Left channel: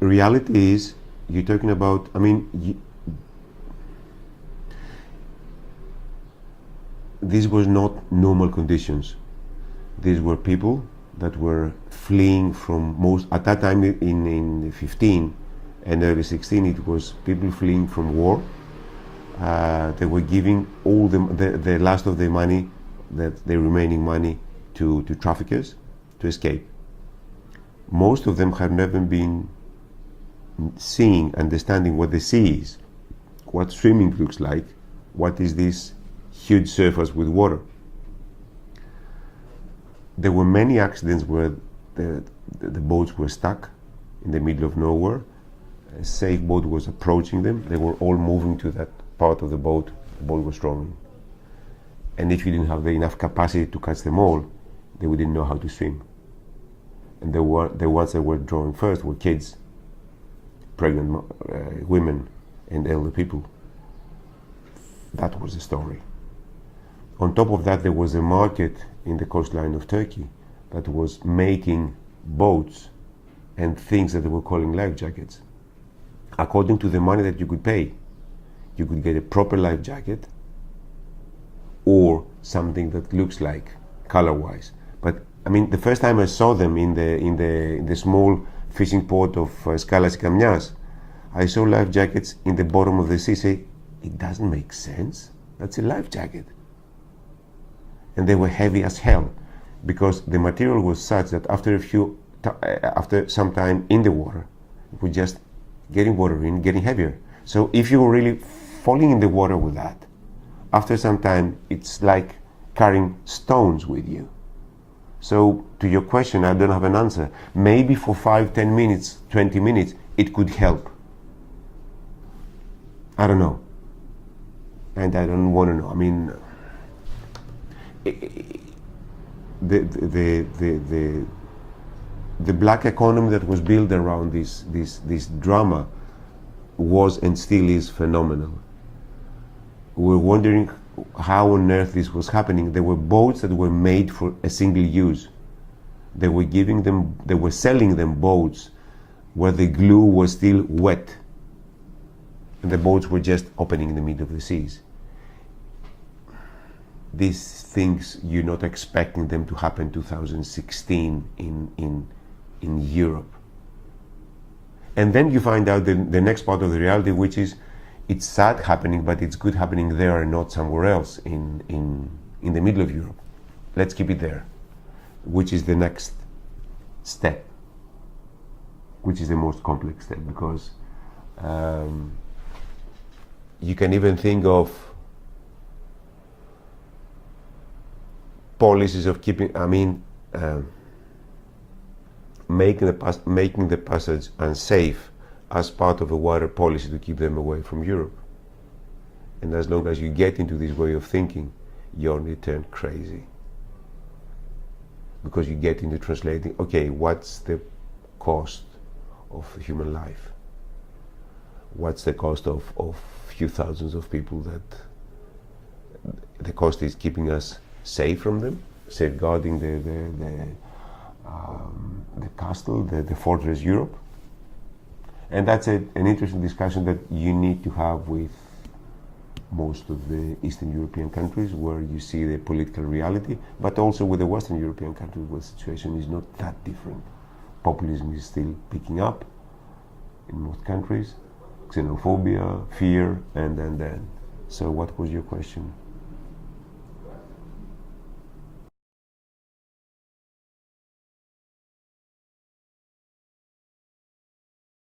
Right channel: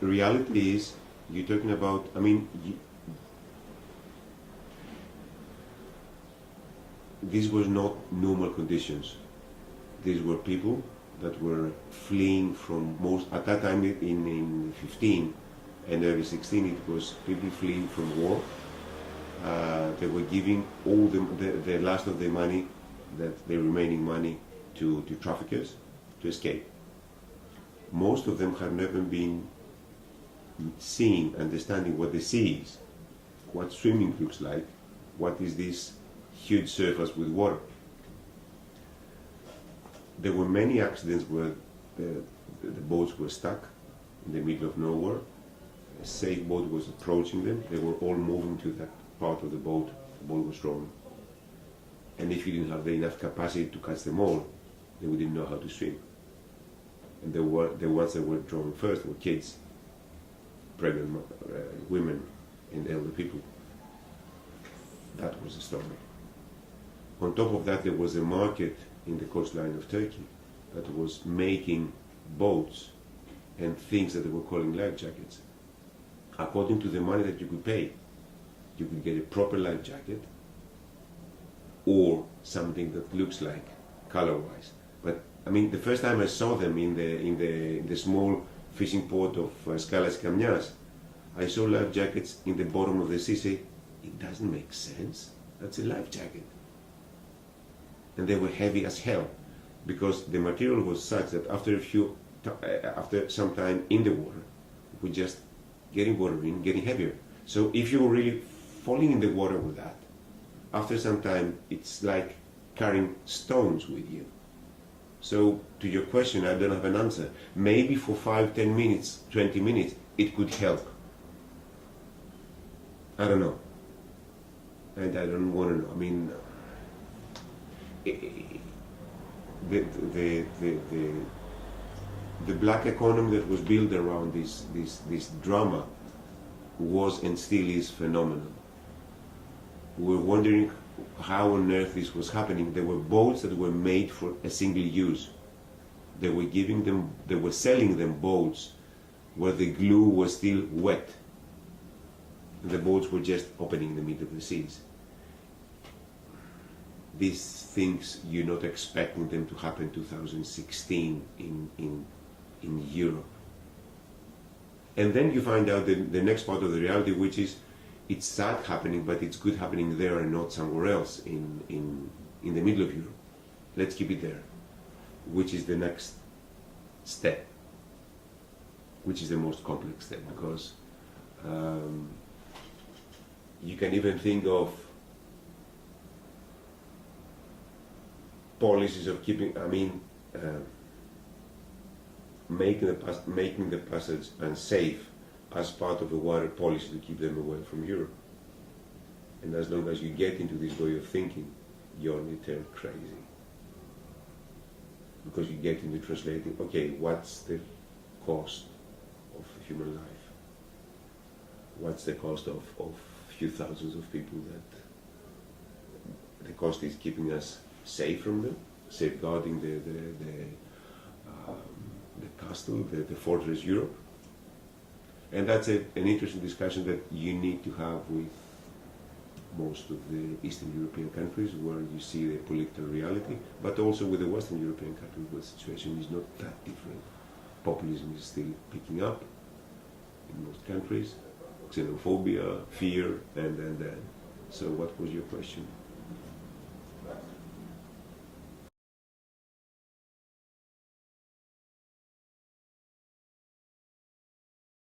Reality is, you're talking about, these were not normal conditions. These were people that were fleeing from at that time in 15 and early 16, it was people fleeing from war. They were giving all the last of their money, the remaining money, to traffickers to escape. Most of them have never been seeing, understanding what the sea is, what swimming looks like, what is this huge surface with water. There were many accidents where the boats were stuck in the middle of nowhere. A safe boat was approaching them. They were all moving to that part of the boat was drowning. And if you didn't have enough capacity to catch them all, they didn't know how to swim. And the ones that were drowning first were kids, pregnant women, and elder people. That was the story. On top of that, there was a market in the coastline of Turkey that was making boats and things that they were calling life jackets. According to the money that you could pay, you could get a proper life jacket or something that looks like, color-wise. But the first time I saw them in the small fishing port of Skalas Kamnias, I saw life jackets in the bottom of the sea. Say, it doesn't make sense. That's a life jacket. And they were heavy as hell, because the material was such that after some time in the water, it was just getting water in, getting heavier. So if you were really falling in the water with that, after some time, it's like carrying stones with you. So to your question, I don't have an answer. Maybe for 5, 10 minutes, 20 minutes, it could help. I don't know. And I don't want to know. The black economy that was built around this drama was and still is phenomenal. We're wondering how on earth this was happening. There were boats that were made for a single use. They were selling them boats where the glue was still wet, and the boats were just opening in the middle of the seas. These things, you're not expecting them to happen 2016 in Europe. And then you find out the next part of the reality, which is, it's sad happening, but it's good happening there and not somewhere else in the middle of Europe. Let's keep it there, which is the next step, which is the most complex step, because you can even think of policies of keeping, making the passage unsafe as part of a water policy to keep them away from Europe. And as long as you get into this way of thinking, you only turn crazy. Because you get into translating, okay, what's the cost of human life? What's the cost of few thousands of people that the cost is keeping us safe from them, safeguarding the castle, the fortress Europe. And that's an interesting discussion that you need to have with most of the Eastern European countries, where you see the political reality, but also with the Western European countries, where the situation is not that different. Populism is still picking up in most countries, xenophobia, fear, and. So what was your question?